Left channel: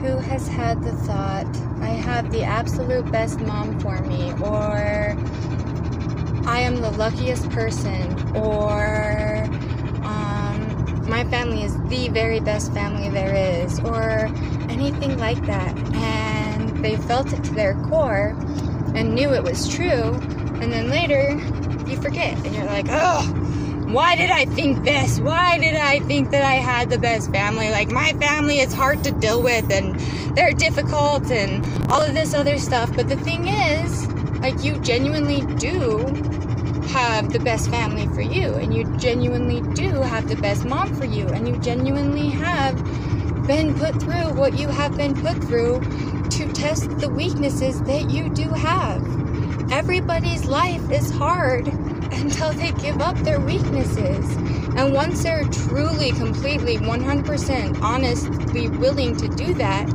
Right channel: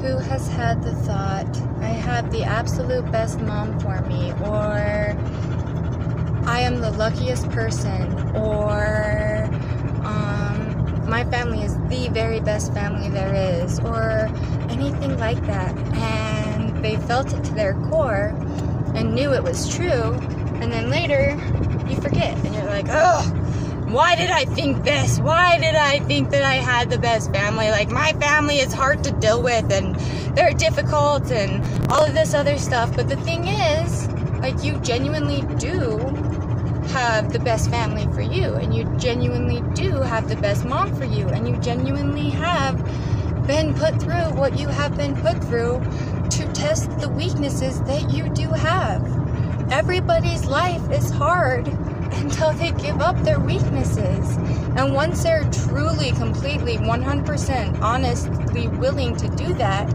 who has had the thought, I have the absolute best mom for me, or I am the luckiest person, or my family is the very best family there is, or anything like that, and they felt it to their core and knew it was true, and then later you forget and you're like, oh, why did I think this? Why did I think that I had the best family? Like, my family is hard to deal with and they're difficult and all of this other stuff. But the thing is, like, you genuinely do have the best family for you, and you genuinely do have the best mom for you, and you genuinely have been put through what you have been put through to test the weaknesses that you do have. Everybody's life is hard until they give up their weaknesses, and once they're truly, completely, 100% honestly willing to do that,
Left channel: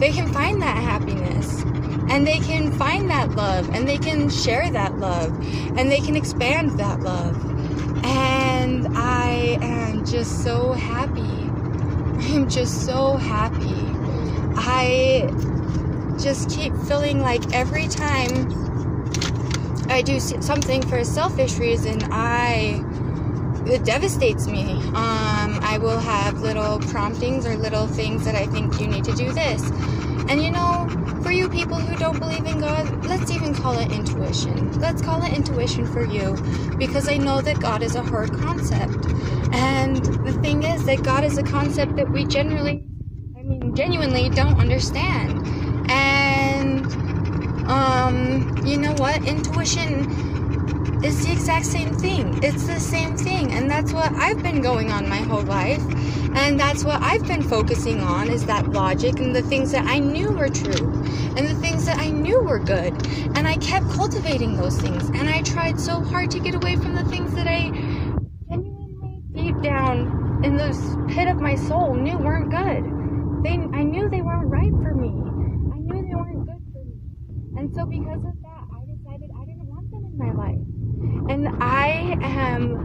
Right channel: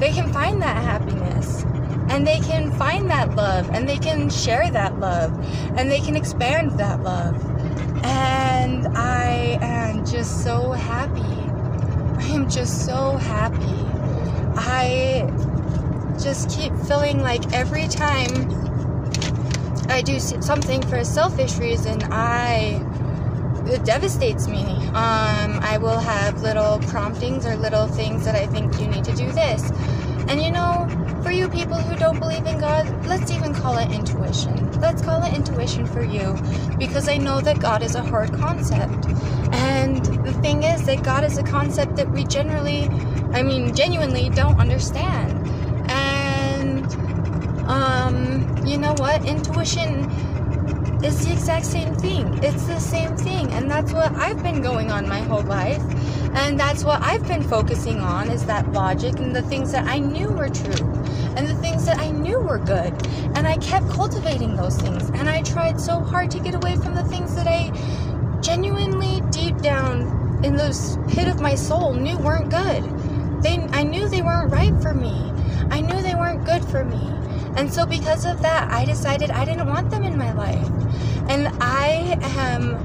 they can find that happiness. And they can find that love, and they can share that love, and they can expand that love. And I am just so happy. I am just so happy. I just keep feeling like every time I do something for a selfish reason, it devastates me. I will have little promptings or little things that I think you need to do this. And you know, for you people who don't believe in God, let's even call it intuition. Let's call it intuition for you, because I know that God is a hard concept. And the thing is that God is a concept that we genuinely don't understand. And, you know what? Intuition is the exact same thing. It's the same thing. And that's what I've been going on my whole life. And that's what I've been focusing on, is that logic and the things that I knew were true and the things that I knew were good. And I kept cultivating those things. And I tried so hard to get away from the things that I genuinely, deep down in the pit of my soul, knew weren't good. I knew they weren't right for me. I knew they weren't good for me. And so because of that, I decided I didn't want them in my life. And I am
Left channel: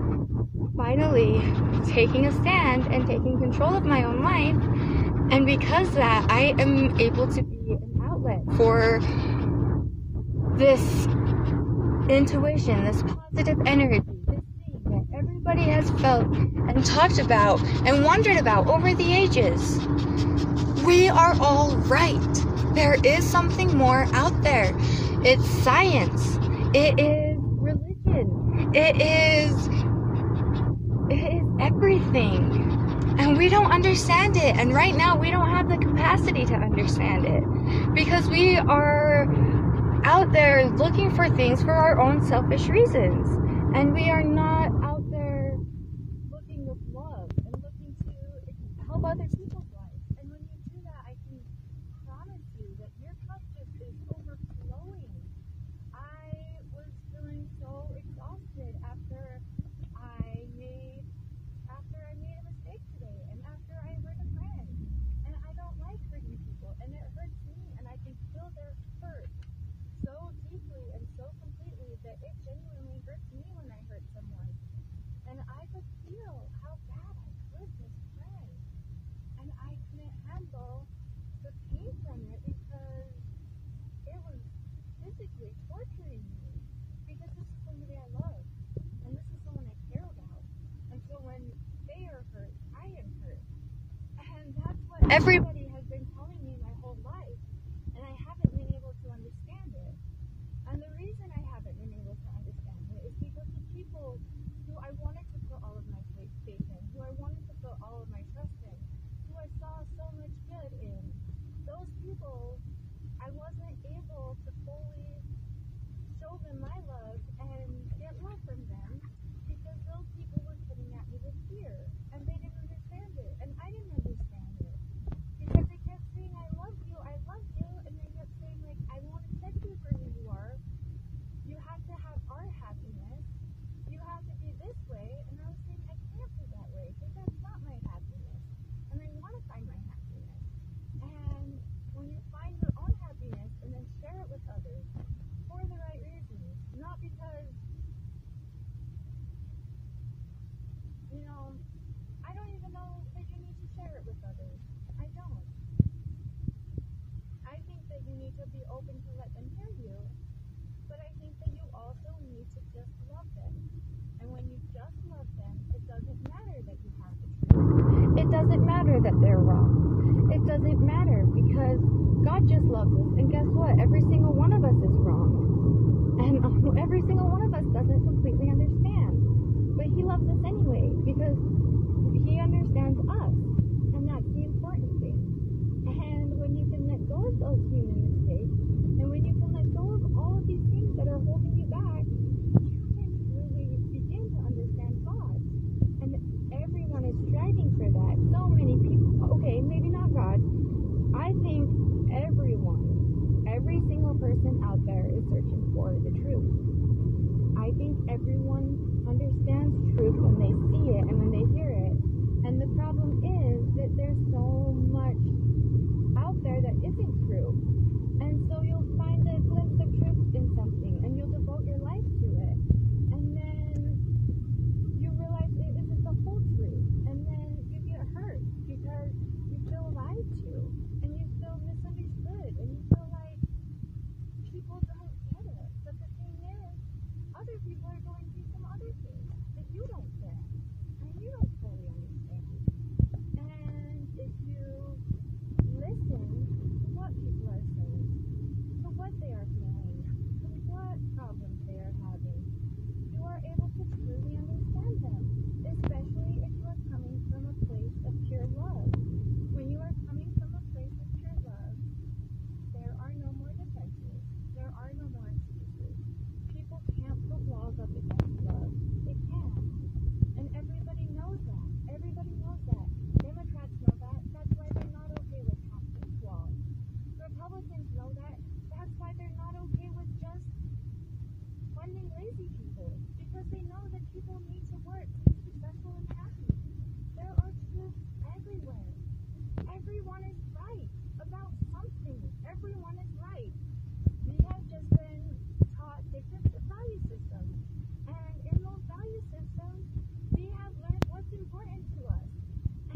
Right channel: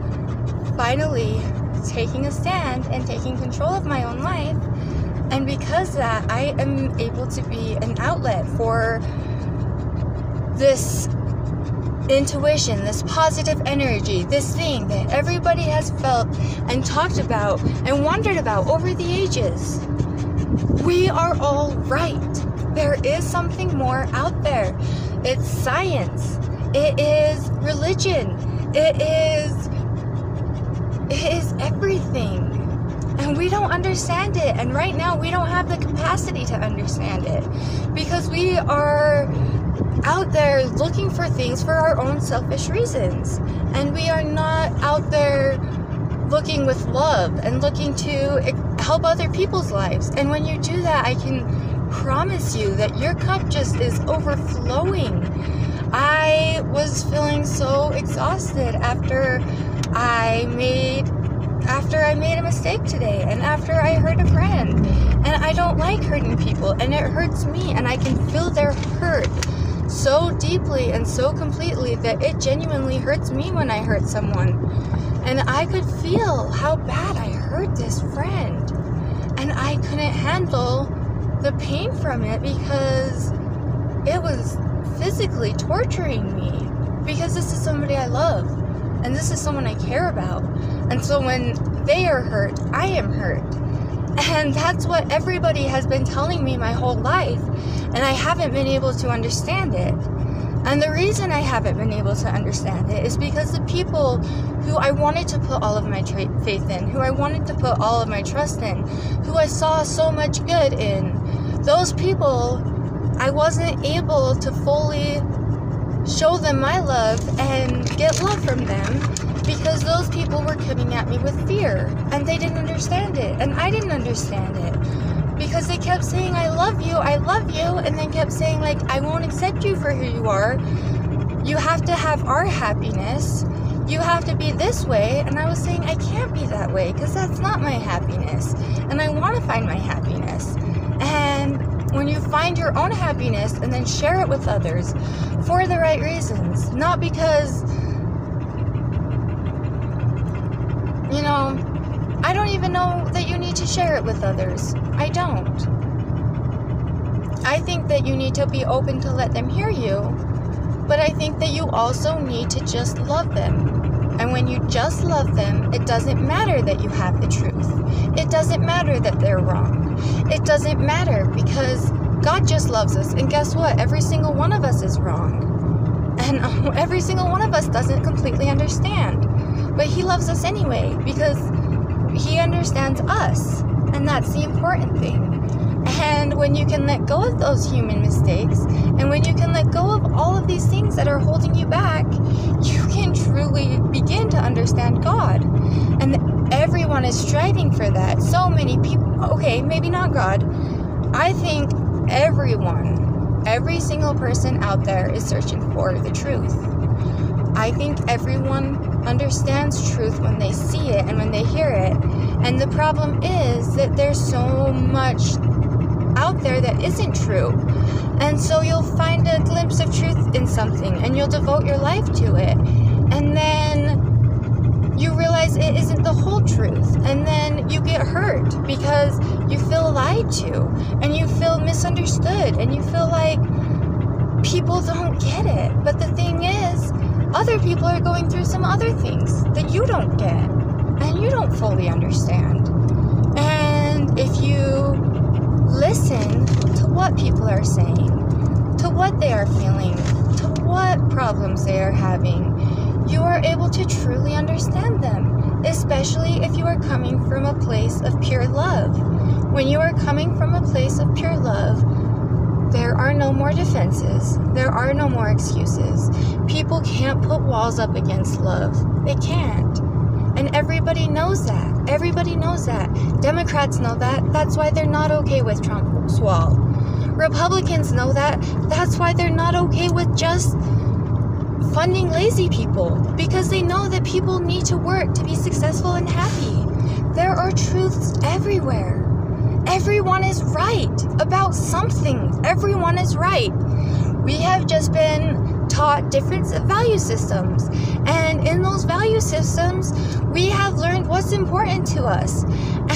finally taking a stand and taking control of my own life. And because of that, I am able to be an outlet for this intuition, this positive energy, this thing that everybody has felt and talked about and wondered about over the ages. We are all right. There is something more out there. It's science. It is religion. It is everything. And we don't understand it. And right now we don't have the capacity to understand it, because we are out there looking for things for our own selfish reasons. And we are not out there looking with love and looking to help other people's lives. And when you do that, I can promise you that your cup just is overflowing. I was feeling so exhausted after I made a mistake today, and after I hurt a friend. And I don't like hurting people, and it hurts me, and I can feel their hurt so deeply and so completely that it genuinely hurts me when I hurt someone. And I could feel how bad I hurt this friend, and I couldn't handle the pain from it because it was physically torturing me, because this is somebody I love and this is someone I care about. And so when they are hurt, I am hurt. And that's what everybody has been telling me my whole life, and I haven't been able to understand it. And the reason I haven't been able to understand it is because the people who I wanted to put all of my faith in, who I wanted to put all of my trust in, who I saw so much good in, those people, I wasn't able to fully show them my love and get love from them, because those people were coming at me with fear, and they didn't understand it, and I didn't understand it, because they kept saying, I love you, and then kept saying, like, I won't accept you for who you are. You have to have our happiness. You have to be this way. And I was saying, I can't be that way, because that's not my happiness, and I want to find my happiness. And when you find your own happiness and then share it with others for the right reasons, not because, you know, I don't even know that you need to share it with others. I don't. I think that you need to be open to let them hear you, but I think that you also need to just love them. And when you just love them, it doesn't matter that you have the truth. It doesn't matter that they're wrong. It doesn't matter, because God just loves us. And guess what? Every single one of us is wrong. And every single one of us doesn't completely understand. But He loves us anyway, because He understands us. And that's the important thing. And when you can let go of those human mistakes, and when you can let go of all of these things that are holding you back, you can truly begin to understand God. And everyone is striving for that. So many people, okay, maybe not God. I think everyone, every single person out there is searching for the truth. I think everyone understands truth when they see it and when they hear it. And the problem is that there's so much out there that isn't true. And so you'll find a glimpse of truth in something and you'll devote your life to it. And then you realize it isn't the whole truth. And then you get hurt because you feel lied to and you feel misunderstood and you feel like people don't get it. But the thing is, other people are going through some other things that you don't get and you don't fully understand. And if you listen to what people are saying, to what they are feeling, to what problems they are having, you are able to truly understand them, especially if you are coming from a place of pure love. When you are coming from a place of pure love, there are no more defenses. There are no more excuses. People can't put walls up against love. They can't. And everybody knows that. Everybody knows that. Democrats know that. That's why they're not okay with Trump's wall. Republicans know that. That's why they're not okay with just funding lazy people. Because they know that people need to work to be successful and happy. There are truths everywhere. Everyone is right about something. Everyone is right. We have just been taught different value systems. And in those value systems, we have learned what's important to us.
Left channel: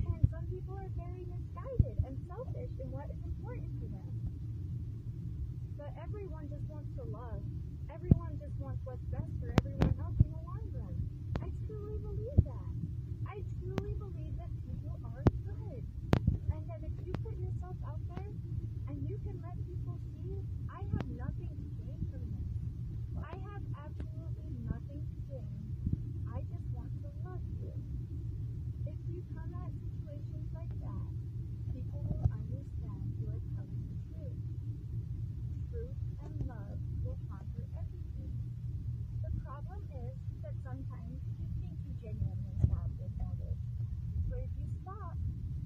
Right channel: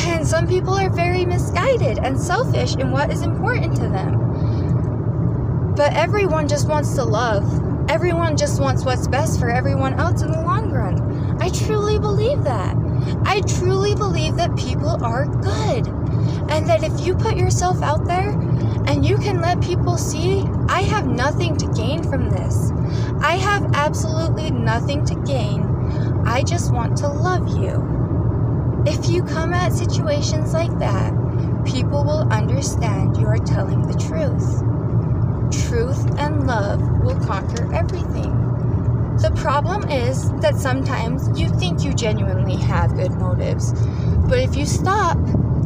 And some people are very misguided and selfish in what is important to them. But everyone just wants to love. Everyone just wants what's best for everyone else in the long run. I truly believe that. I truly believe that people are good. And that if you put yourself out there and you can let people see, I have nothing to gain from this. I have absolutely nothing to gain. I just want to love you. If you come at situations like that, people will understand you are telling the truth. Truth and love will conquer everything. The problem is that sometimes you think you genuinely have good motives, but if you stop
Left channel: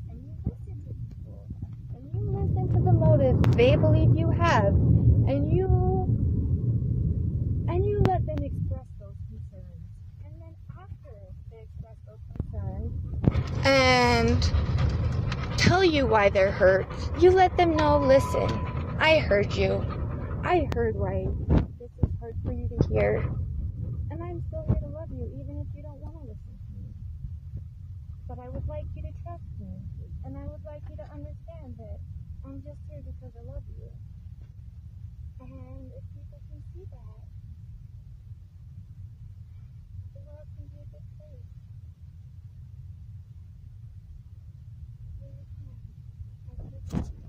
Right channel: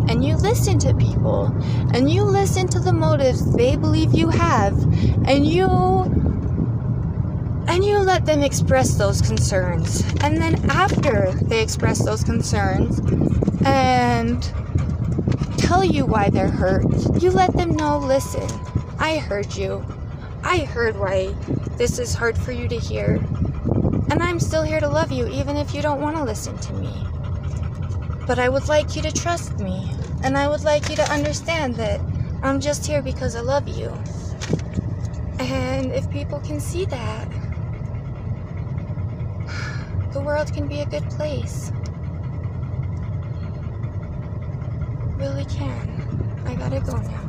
and you listen to people, and you listen to the motives they believe you have, and you let them express those concerns, and then after they express those concerns and tell you why they're hurt, you let them know, listen, I heard you. I heard why this is hard for you to hear, and I'm still here to love you even if you don't want to listen to me. But I would like you to trust me, and I would like you to understand that I'm just here because I love you. And if people can see that, the world can be a good place. Really can. I gotta go now.